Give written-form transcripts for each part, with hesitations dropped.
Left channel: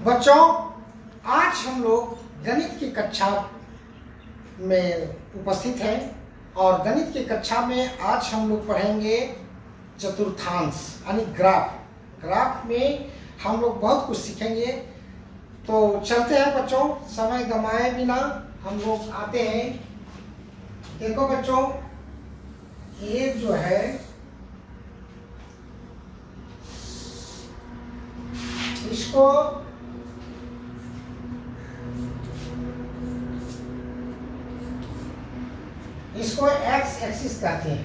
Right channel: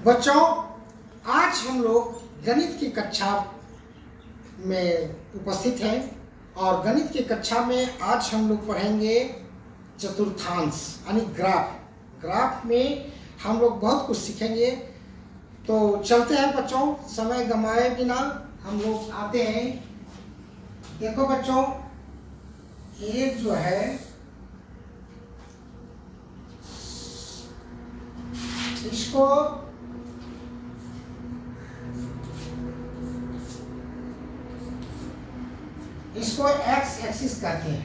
बच्चों, आज हम लोग गणित की कक्षा में उपस्थित हैं और गणित की कक्षा में आज हम लोग पढ़ेंगे चतुर्थांश यानी ग्राफ में हम लोग बहुत कुछ सीखेंगे। तो चलते हैं बच्चों, समय गंवाए बिना हम लोग आते हैं। देखो बच्चों, ये जो है इसको एक्स एक्सिस कहते हैं।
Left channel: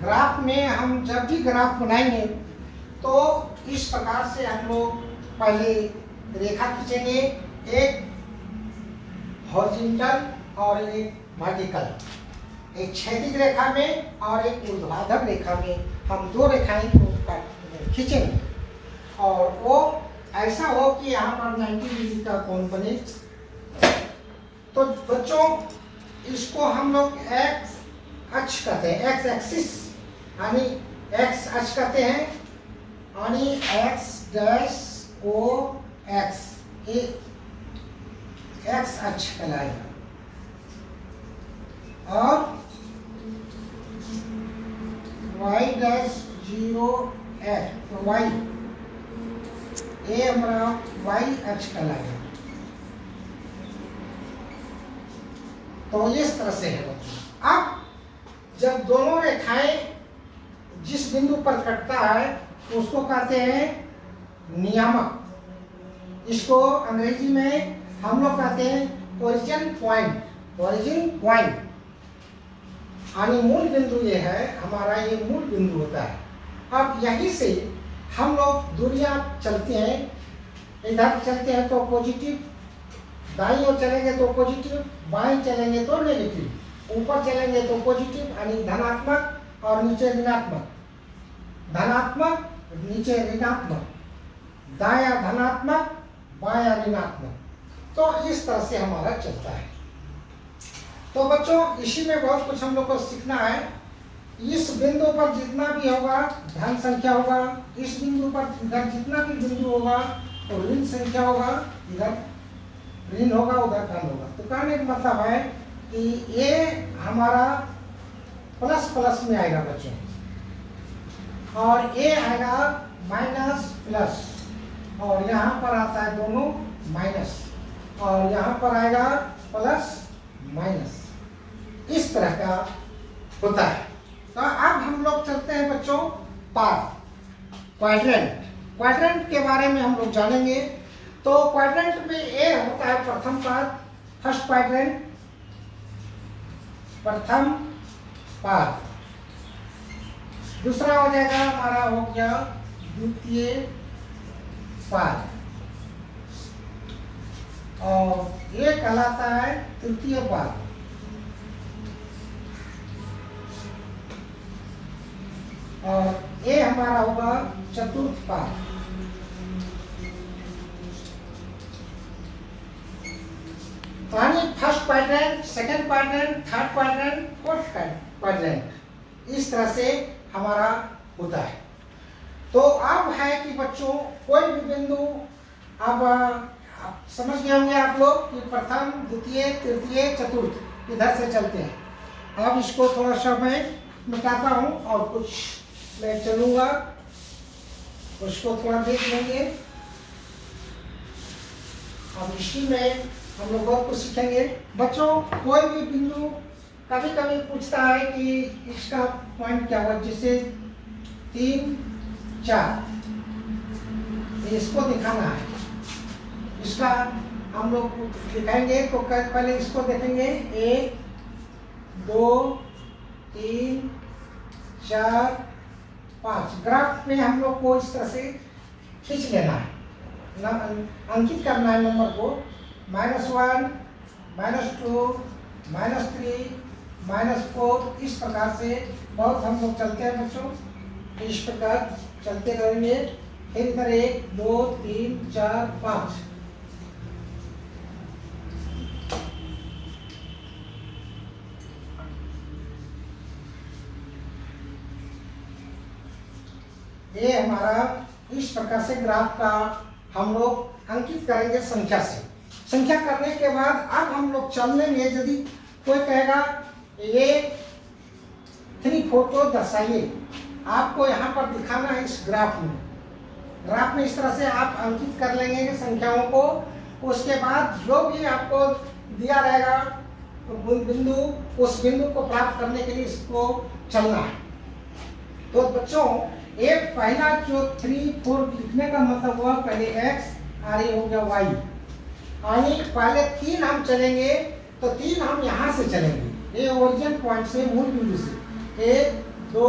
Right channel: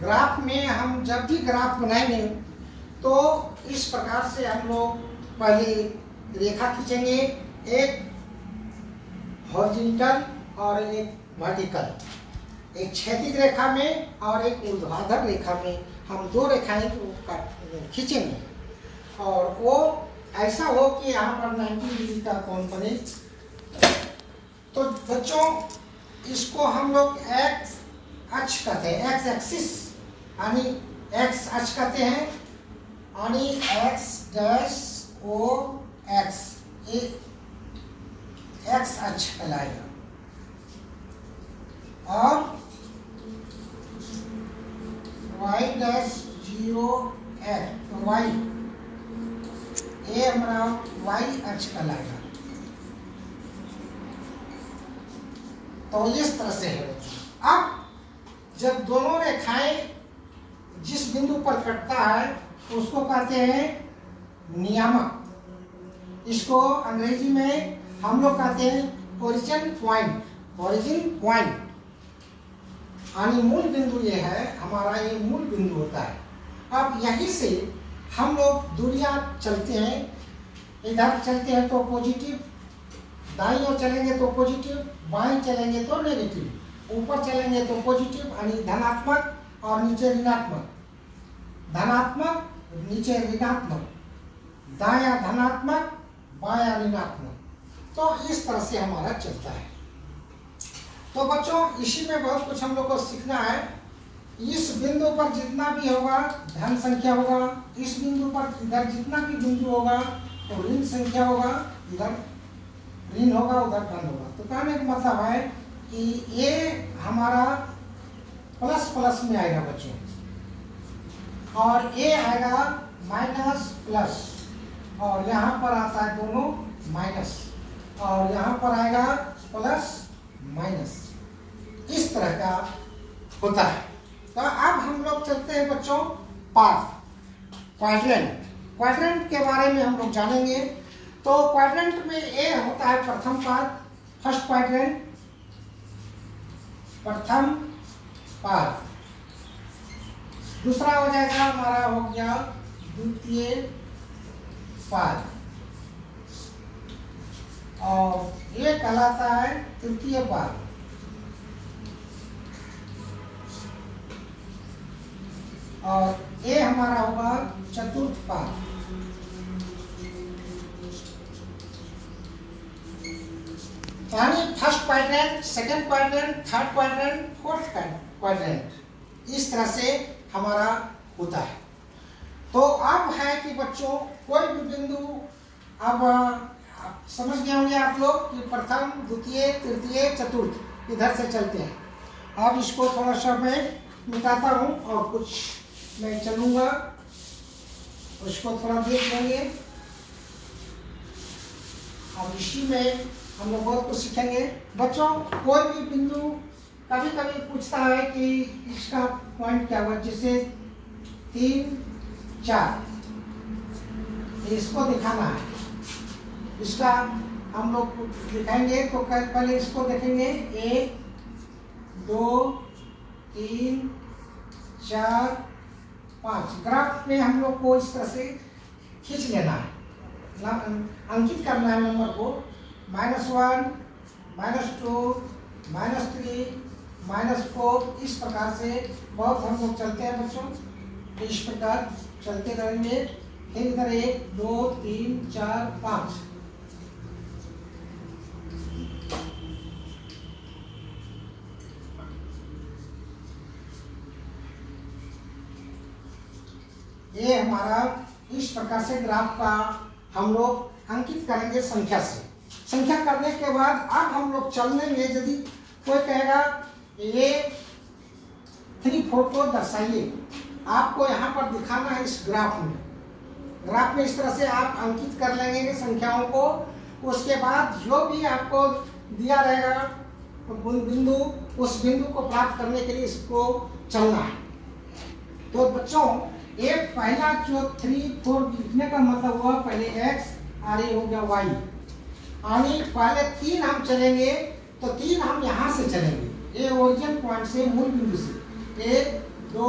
ग्राफ में हम जब भी ग्राफ बनाएंगे तो इस प्रकार से हम लोग पहले रेखा खींचेंगे, एक हॉरिजॉन्टल और एक वर्टिकल, एक क्षैतिज रेखा में और एक ऊर्ध्वाधर रेखा में हम दो रेखाएं को खींचेंगे और वो ऐसा हो कि यहाँ पर 90 डिग्री का कोण बने। तो बच्चों, इसको हम लोग एक्स अक्ष कहते हैं, एक्स एक्सिस यानी एक्स अक्ष कहते हैं, यानी एक्स डैश ओ एक्स, ये एक्स अक्ष कहलाएगा। और वाई डैश 0 एक्स, वाई ये हमारा वाई अक्ष कहलाएगा। तो इस तरह से है बच्चों। अब जब दोनों रेखाएं जिस बिंदु पर कटता है उसको कहते हैं नियामक। इसको अंग्रेजी में हम लोग कहते हैं ओरिजिन पॉइंट। ओरिजिन पॉइंट यानी मूल बिंदु ये है हमारा, ये मूल बिंदु होता है। अब यहीं से हम लोग दूरियां चलते हैं। इधर चलते हैं तो पॉजिटिव, दाईं ओर चलेंगे तो पॉजिटिव, बाईं चलेंगे तो नेगेटिव, ऊपर चलेंगे तो पॉजिटिव यानी धनात्मक और नीचे ऋणात्मक, धनात्मक नीचे ऋणात्मक, दायां धनात्मक बायां ऋणात्मक। तो इस तरह से हमारा चलता है। तो बच्चों, इसी में बहुत कुछ हम लोग को सीखना है। इस बिंदु पर जितना भी होगा धन संख्या होगा, इस बिंदु पर इधर जितना भी बिंदु होगा तो ऋण संख्या होगा, इधर ऋण होगा उधर धन होगा। तो कहने का मतलब है कि ये हमारा प्लस प्लस में आएगा बच्चों, और ये आएगा माइनस प्लस, और यहाँ पर आता है दोनों माइनस, और यहाँ पर आएगा प्लस माइनस। इस तरह का होता है। तो अब हम लोग चलते हैं बच्चों क्वाड्रेंट। क्वाड्रेंट के बारे में हम लोग जानेंगे। तो क्वाड्रेंट में ए होता है प्रथम पाद, फर्स्ट क्वाड्रेंट, प्रथम पाद। दूसरा हो जाएगा हमारा, हो गया द्वितीय पाद, और ये कहलाता है तृतीय पाद। और ये हमारा होगा चतुर्थ पाद। यानी first quadrant, second quadrant, third quadrant, fourth quadrant, इस तरह से हमारा होता है। तो अब है कि बच्चों, कोई भी बिंदु, अब समझ गए होंगे आप लोग कि प्रथम, द्वितीय, तृतीय, चतुर्थ इधर से चलते हैं। अब इसको थोड़ा सा मैं मिटाता हूँ और कुछ मैं चलूंगा, उसको थोड़ा देख लेंगे। अब इसी में हम लोग बहुत कुछ सीखेंगे। बच्चों, कोई भी बिंदु कभी कभी पूछता है कि इसका पॉइंट क्या हुआ, जैसे 3, 4, इसको दिखाना है। इसका हम लोग दिखाएंगे तो पहले इसको देखेंगे, 1, 2, 3, 4, 5। ग्राफ में हम लोग को इस तरह से खींच लेना है, अंकित करना है नंबर को, -1, -2, -3, -4। इस प्रकार से बहुत हम लोग चलते हैं बच्चों। इस प्रकार चलते रहेंगे। फिर इधर 1, 2, 3, 4, 5। ये हमारा इस प्रकार से ग्राफ का हम लोग अंकित करेंगे संख्या से। संख्या करने के बाद अब हम लोग चलने में यदि कोई कहेगा ये 3 4 को दर्शाइए, आपको यहाँ पर दिखाना है इस ग्राफ में। ग्राफ में इस तरह से आप अंकित कर लेंगे संख्याओं को। उसके बाद जो भी आपको दिया रहेगा बिंदु, उस बिंदु को प्राप्त करने के लिए इसको चलना है। तो बच्चों ये पहला जो 3 4 लिखने का मतलब हुआ पहले x और ये हो गया y, यानी पहले 3 हम चलेंगे तो 3 हम यहाँ से चलेंगे, ये ओरिजिन पॉइंट से, मूल बिंदु से 1 2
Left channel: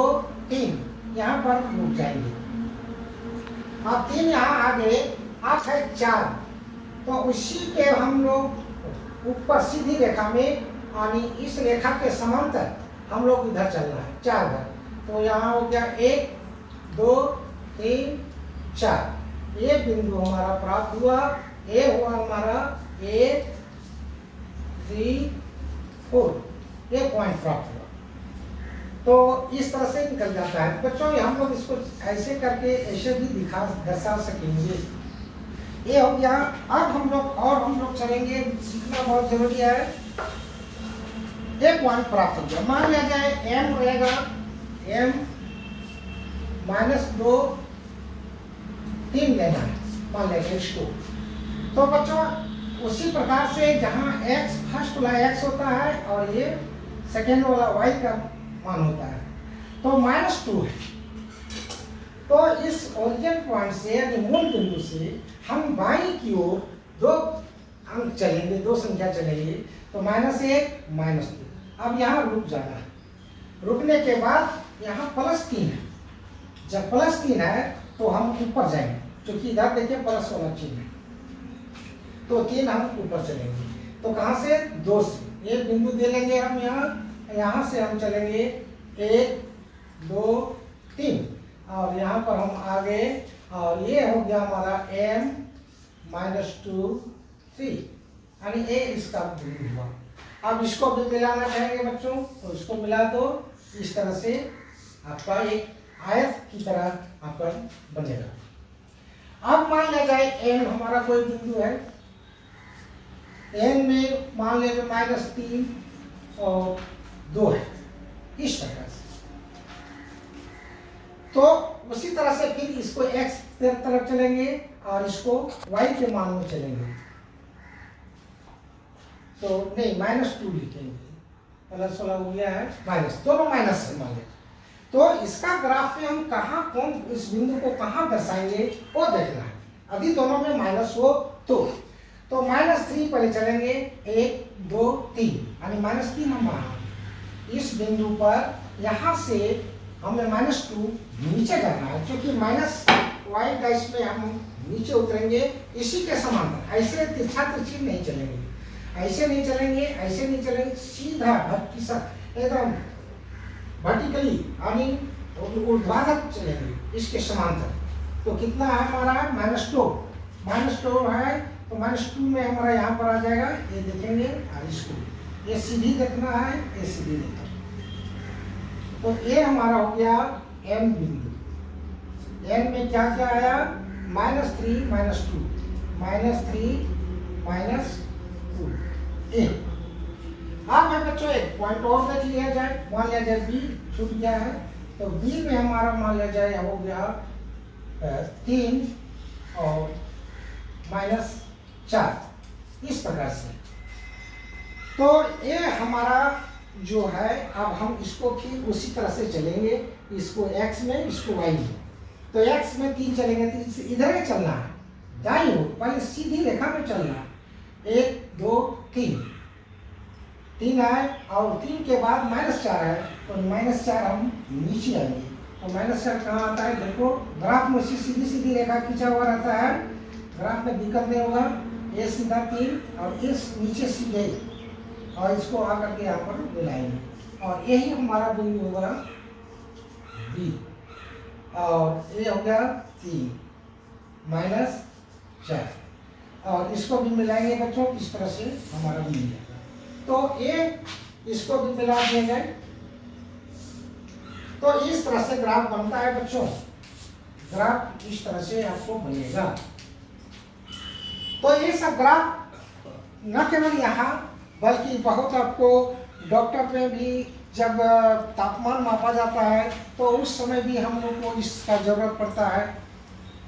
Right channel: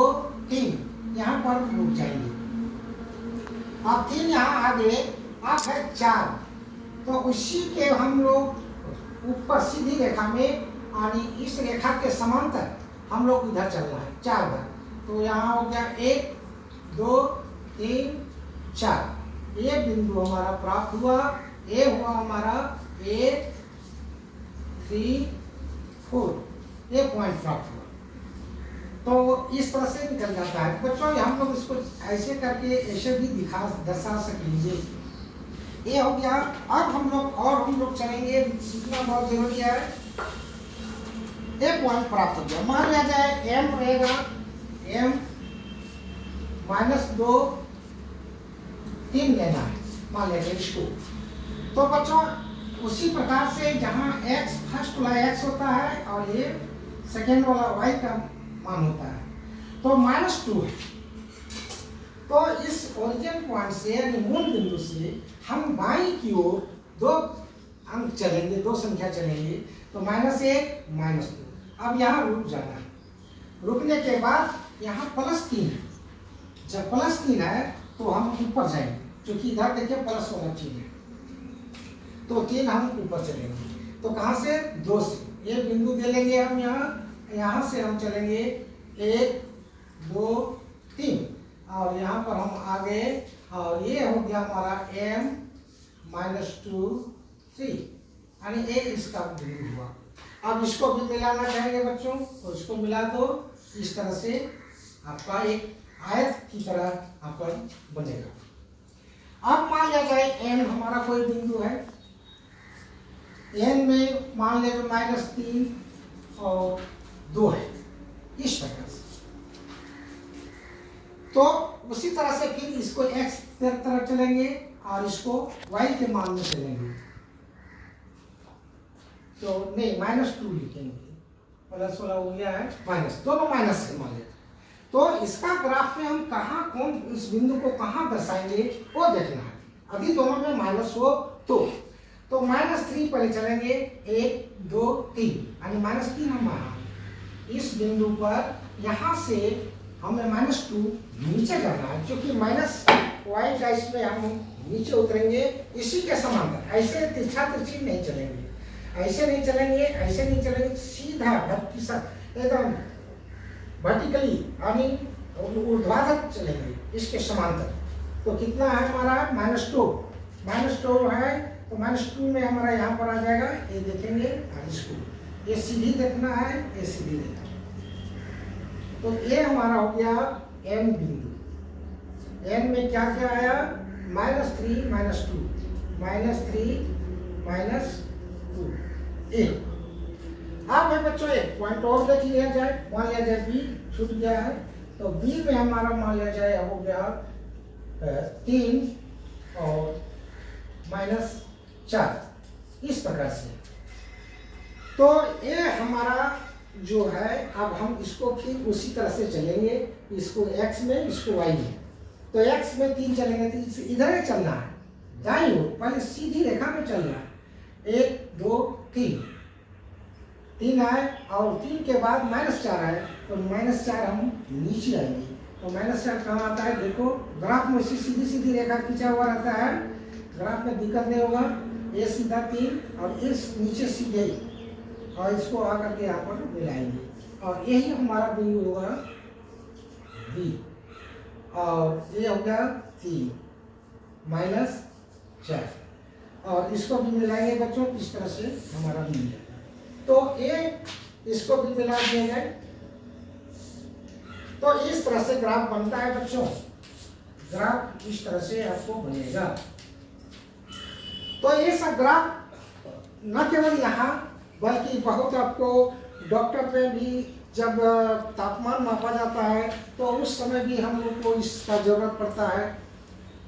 3 यहाँ पर रुक जाएंगे। अब 3 यहाँ आगे अब है 4, तो उसी के हम लोग ऊपर सीधी रेखा में यानी इस रेखा के समांतर हम लोग इधर चलना है 4 बार। तो यहाँ हो गया 1 2 3 4, ये बिंदु हमारा प्राप्त हुआ। ये हुआ हमारा 1 3 4, ये पॉइंट प्राप्त हुआ। तो इस तरह से निकल जाता है बच्चों। हम लोग इसको ऐसे करके ऐसे भी दर्शा सकेंगे। ये हो गया। अब हम लोग चलेंगे, सीखना बहुत जरूरी है। एक पॉइंट प्राप्त हो गया, मान लिया जाए m रहेगा m -2 3 लेना है, मान लिया जाए इसको। तो बच्चों उसी प्रकार से जहाँ x फर्स्ट वाला x होता है और ये सेकेंड वाला y का मान होता है, तो -2 है। तो इस ओरिजिन पॉइंट से यानी मूल बिंदु से हम बाईं की ओर 2 अंक चलेंगे, 2 संख्या चलेंगे, तो -1 -2। अब यहाँ रुक जाना है। रुकने के बाद यहाँ +3 है। जब +3 है तो हम ऊपर जाएंगे, क्योंकि इधर देखिए प्लस वाला चिन्ह है, तो 3 हम ऊपर चलेंगे। तो कहाँ से? 2 से। एक बिंदु दे लेंगे हम यहाँ से हम चलेंगे 1 2 3 और यहाँ पर हम आगे, और ये हो गया हमारा m -2 3, यानी ये इसका बिंदु हुआ। अब इसको भी मिलाना चाहेंगे बच्चों, तो इसको मिला दो, इस तरह से आपका एक आयत की तरह आपका बनेगा। अब मान लिया जाए n हमारा कोई बिंदु है, n में मान लिया जाए -3 और 2 है, इस प्रकार से। तो उसी तरह से फिर इसको x तरफ चलेंगे और इसको y के मान में चलेंगे। तो नहीं -2 लिखेंगे, प्लस वाला हो गया है माइनस, दोनों माइनस से मान लेते। तो इसका ग्राफ में हम कहाँ कौन इस बिंदु को कहाँ दर्शाएंगे वो देखना है। अभी दोनों में माइनस हो तो -3 पहले चलेंगे, 1 2 3, यानी -3 हम इस बिंदु पर यहाँ से हमें -2 नीचे करना है, क्योंकि -y का इसमें हम नीचे उतरेंगे इसी के समांतर। ऐसे तिरछा तिरछी नहीं चलेंगे, ऐसे नहीं चलेंगे, ऐसे नहीं चलेंगे, सीधा एकदम वर्टिकली यानी ऊर्ध्वाधर चलेंगे इसके समांतर। तो कितना है हमारा -2 है, तो -2 में हमारा यहाँ पर आ जाएगा, ये देखेंगे और इसको ये सीधी देखना है, ये सीधी देखना। तो ये हमारा हो गया n बिंदु। n में क्या क्या आया? -3 -2, -3 -2 ए। अब है बच्चों एक पॉइंट और देख लिया जाए, मान लिया जाए b छूट गया है, तो b में हमारा मान लिया जाए हो गया 3 और -4, इस प्रकार से। तो ये हमारा जो है, अब हम इसको फिर उसी तरह से चलेंगे, इसको x में, इसको y में। तो x में 3 चलेंगे, तो इधर ही चलना है, दाईं ओर पहले सीधी रेखा में चलना है। 1 2 3 आए और 3 के बाद -4 है, तो -4 हम नीचे आएंगे। तो -4 कहाँ आता है? देखो ग्राफ में सीधी सीधी रेखा खींचा हुआ रहता है, ग्राफ में दिक्कत नहीं होगा। ये सीधा 3 और इस नीचे सीधे, और इसको आकर के यहाँ पर मिलाएंगे, और यही हमारा बिंदु होगा B, और ये हो गया 3 -4, और इसको भी मिलाएंगे बच्चों, इस तरह से हमारा मिल जाएगा। तो ये इसको भी मिला दिया जाए, तो इस तरह से ग्राफ बनता है बच्चों। ग्राफ इस तरह से आपको बनेगा। तो ये सब ग्राफ न केवल यहाँ बल्कि बहुत आपको डॉक्टर में भी जब तापमान मापा जाता है तो उस समय भी हम लोग को इसका ज़रूरत पड़ता है।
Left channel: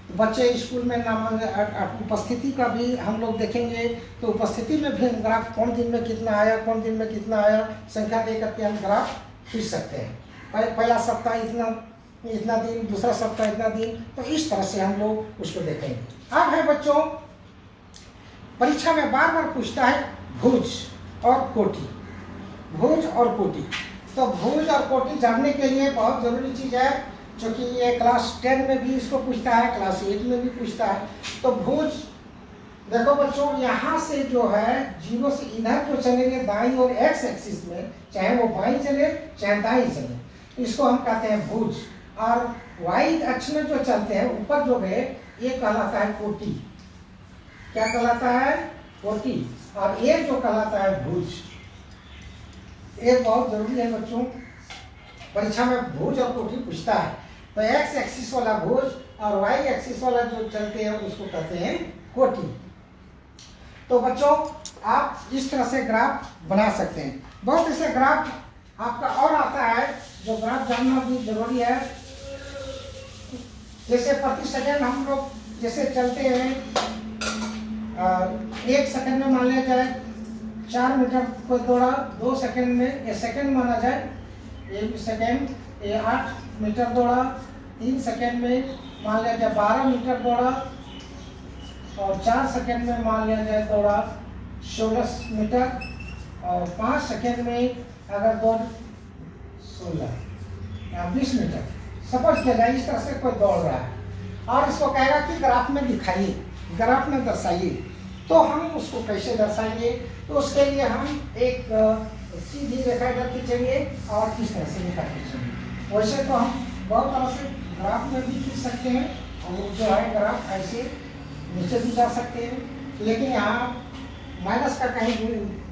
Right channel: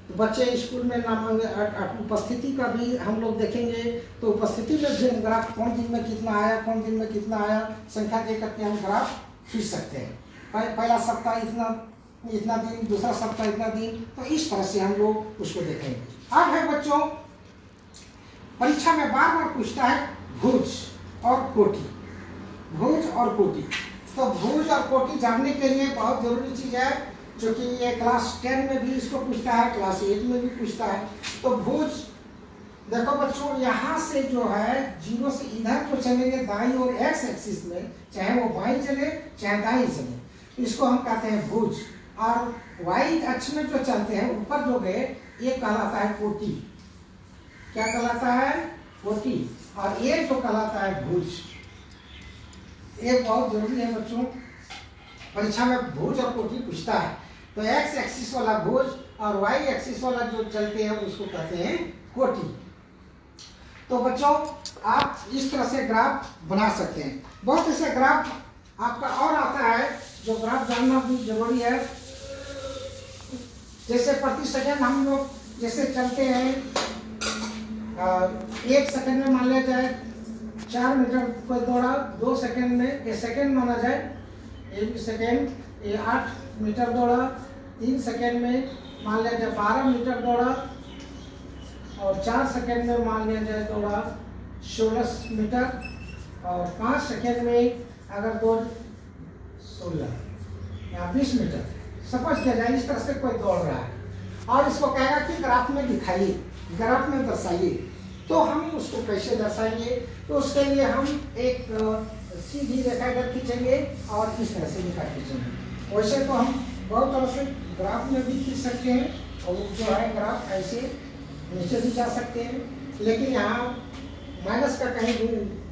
तो बच्चे स्कूल में नाम उपस्थिति का भी हम लोग देखेंगे तो उपस्थिति में भी ग्राफ कौन दिन में कितना आया, कौन दिन में कितना आया, संख्या दे करके हम ग्राफ खींच सकते हैं। पहला सप्ताह इतना दिन, दूसरा सप्ताह इतना दिन, तो इस तरह से हम लोग उसको देखेंगे। अब है बच्चों, परीक्षा में बार बार पूछता है भुज और कोटि, भुज और कोटि। तो भुज और कोटि जानने के लिए बहुत जरूरी चीज़ है, क्योंकि ये क्लास 10 में भी इसको पूछता है, क्लास 8 में भी पूछता है। तो भुज देखो बच्चों, यहाँ से जो है 0 से इधर जो चलेंगे दाईं और एक्स एक्सिस में, चाहे वो बाईं चले चाहे दाईं चले, इसको हम कहते हैं भुज। और वाई अक्ष में जो चलते हैं ऊपर जो है ये कहलाता है कोटि। क्या कहलाता है? कोटि। और ये जो कहलाता है भुज। ये बहुत जरूरी है बच्चों, परीक्षा में भुज और कोटि पूछता है। तो एक्स एक्सिस वाला भुज और वाई एक्सिस वाला जो चलते हैं उसको कहते हैं कोटि। तो बच्चों आप इस तरह से ग्राफ बना सकते हैं। बहुत ऐसे ग्राफ आपका और आता है जो ग्राफ जानना भी जरूरी है। जैसे प्रति सेकंड हम लोग जैसे चलते हैं, 1 सेकंड में मान लिया जाए 4 मीटर कोई दौड़ा, 2 सेकंड में, ये सेकंड माना जाए, 1 सेकंड, ये 8 मीटर दौड़ा, 3 सेकंड में मान लिया जाए 12 मीटर दौड़ा, और 4 सेकंड में मान लिया जाए दौड़ा 16 मीटर, और 5 सेकंड में अगर दौड़ 16 या 20 मीटर सपोज किया जाए। इस तरह से कोई दौड़ रहा है और इसको कहेगा कि ग्राफ में दिखाइए, ग्राफ में दर्शाइए। तो हम उसको कैसे दर्शाएंगे? तो उसके लिए हम एक सीधी रेखा इधर खींचेंगे और इस तरह से रेखा खींचेंगे। वैसे तो हम बहुत तरह से ग्राफ में भी खींच सकते हैं, और वो जो है ग्राफ ऐसे नीचे भी जा सकते हैं, लेकिन यहाँ माइनस का कहीं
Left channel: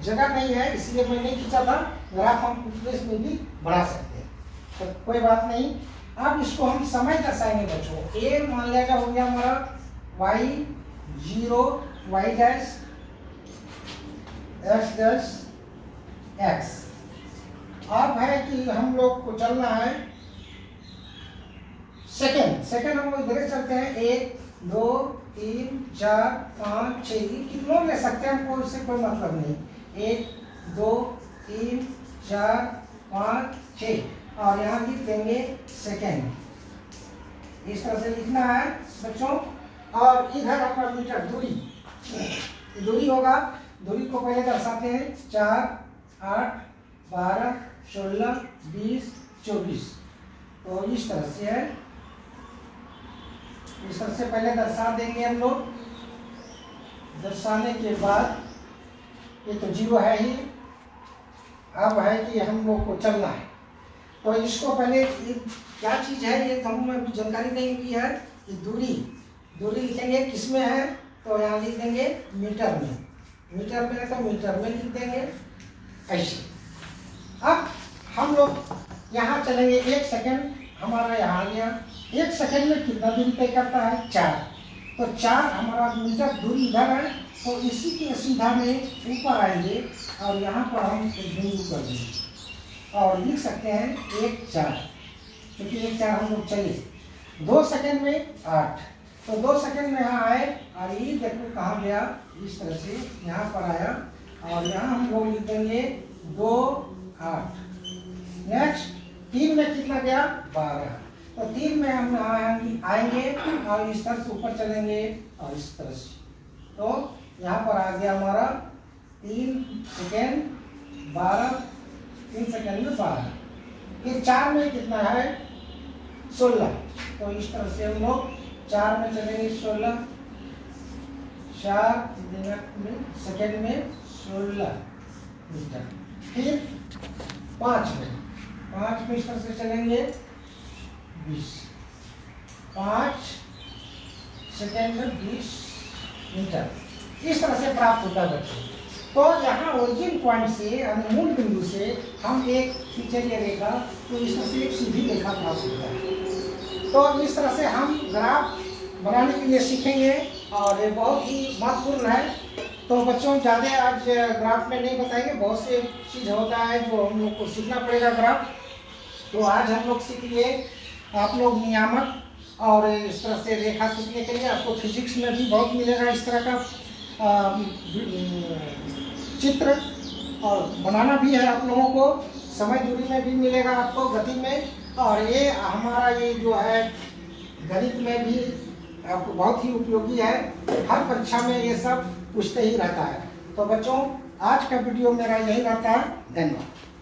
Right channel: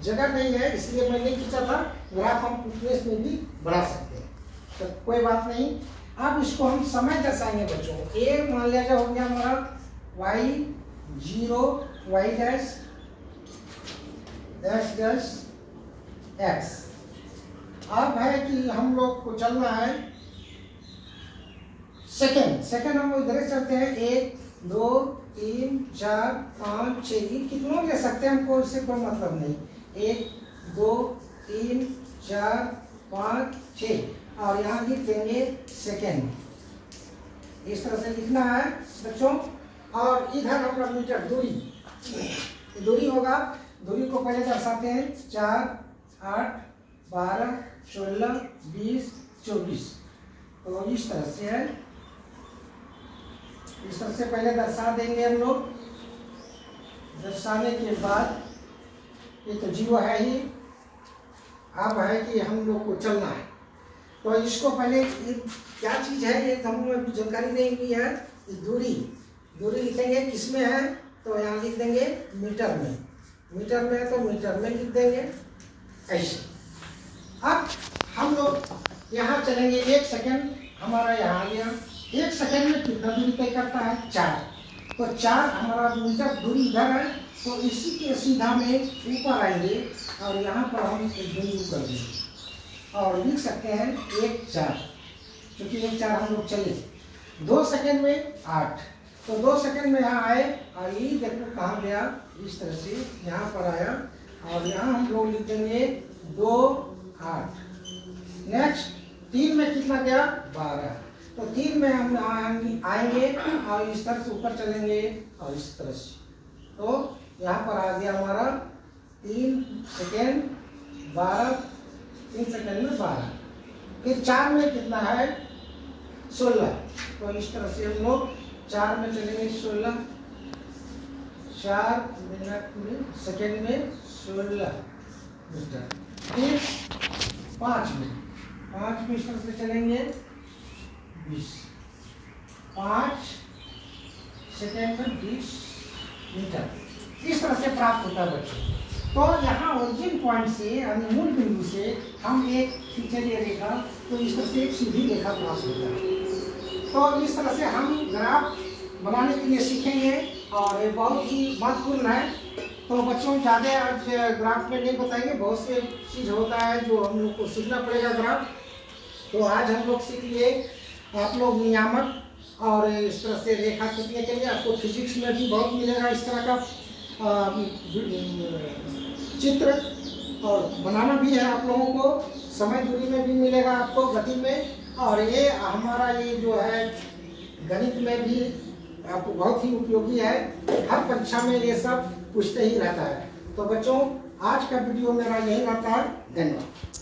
जगह नहीं है इसलिए मैं नहीं खींचा था। ग्राफ हम प्लेस में भी बढ़ा सकते हैं, तो कोई बात नहीं। अब इसको हम समय दर्शाएंगे बच्चों। ए मान लिया क्या हो गया हमारा y 0, y dash, x dash, x। अब है कि हम लोग को चलना है सेकंड। सेकंड हम इधर चलते हैं, 1 2 3 4 5 6, कितनों ले सकते हैं, हमको इससे कोई मतलब नहीं। 1 2 3 4 5 6, और यहाँ लिख देंगे सेकेंड। इस तरह से लिखना है बच्चों। और इधर हमारा मीटर दूरी होगा। दूरी को पहले दर्शाते हैं 4 8 12 16 20 24। तो इस तरह से है, इस तरह से पहले दर्शा देंगे हम लोग। दर्शाने के बाद ये तो 0 है ही। अब है कि हम लोग को चलना है, तो इसको पहले क्या चीज़ है ये हमें जानकारी नहीं हुई है। ये दूरी लिखेंगे किस में है, तो यहाँ लिख देंगे मीटर में। मीटर में है तो मीटर में लिख देंगे ऐसे। अब हम लोग यहाँ चलेंगे, 1 सेकंड हमारा यहाँ आ गया। 1 सेकंड में कितना दूरी तय करता है? 4। तो 4 हमारा मीटर दूरी इधर है, तो इसी के सीधा में ऊपर आएंगे और यहाँ पर हम बिंदु कर देंगे और लिख सकते हैं 1 4, क्योंकि 1 4 हम लोग चले। 2 सेकंड में 8, तो 2 सेकंड में यहाँ आए और ये देखो कहाँ गया, इस तरह से यहाँ पर आया, और यहाँ हम लोग लिख देंगे 2 8। नेक्स्ट 3 में कितना गया? 12। तो 3 में हम आएंगे और इस तरह से ऊपर चलेंगे और इस तरह से, तो यहाँ पर आ गया हमारा 3 सेकेंड 12, 3 सेकेंड में 12। फिर 4 में कितना है? 16। तो इस तरह से हम लोग 4 में चलेंगे 16, 4 मिनट में सेकेंड में 16 मीटर। फिर 5 में इस तरह से चलेंगे 20, 5 सेकेंड में 20 मीटर। इस तरह से प्राप्त होता है बच्चों। तो यहाँ ओरिजिन पॉइंट से यानी मूल बिंदु से हम एक खींचेंगे रेखा, तो इस तरह से एक सीधी रेखा प्राप्त होता है। तो इस तरह से हम ग्राफ बनाने के लिए सीखेंगे और ये बहुत ही महत्वपूर्ण है। तो बच्चों ज़्यादा आज ग्राफ में नहीं बताएंगे, बहुत से चीज़ होता है जो हम लोग को सीखना पड़ेगा ग्राफ। तो आज हम लोग सीख लिए आप लोग नियामक और इस तरह से रेखा खींचने के लिए। आपको फिजिक्स में भी बहुत मिलेगा इस तरह का चित्र, और बनाना भी है आप लोगों को। समय दूरी में भी मिलेगा आपको, गति में, और ये हमारा ये जो है गणित में भी आपको बहुत ही उपयोगी है। हर परीक्षा में ये सब पूछते ही रहता है। तो बच्चों आज का वीडियो मेरा यही रहता है। धन्यवाद।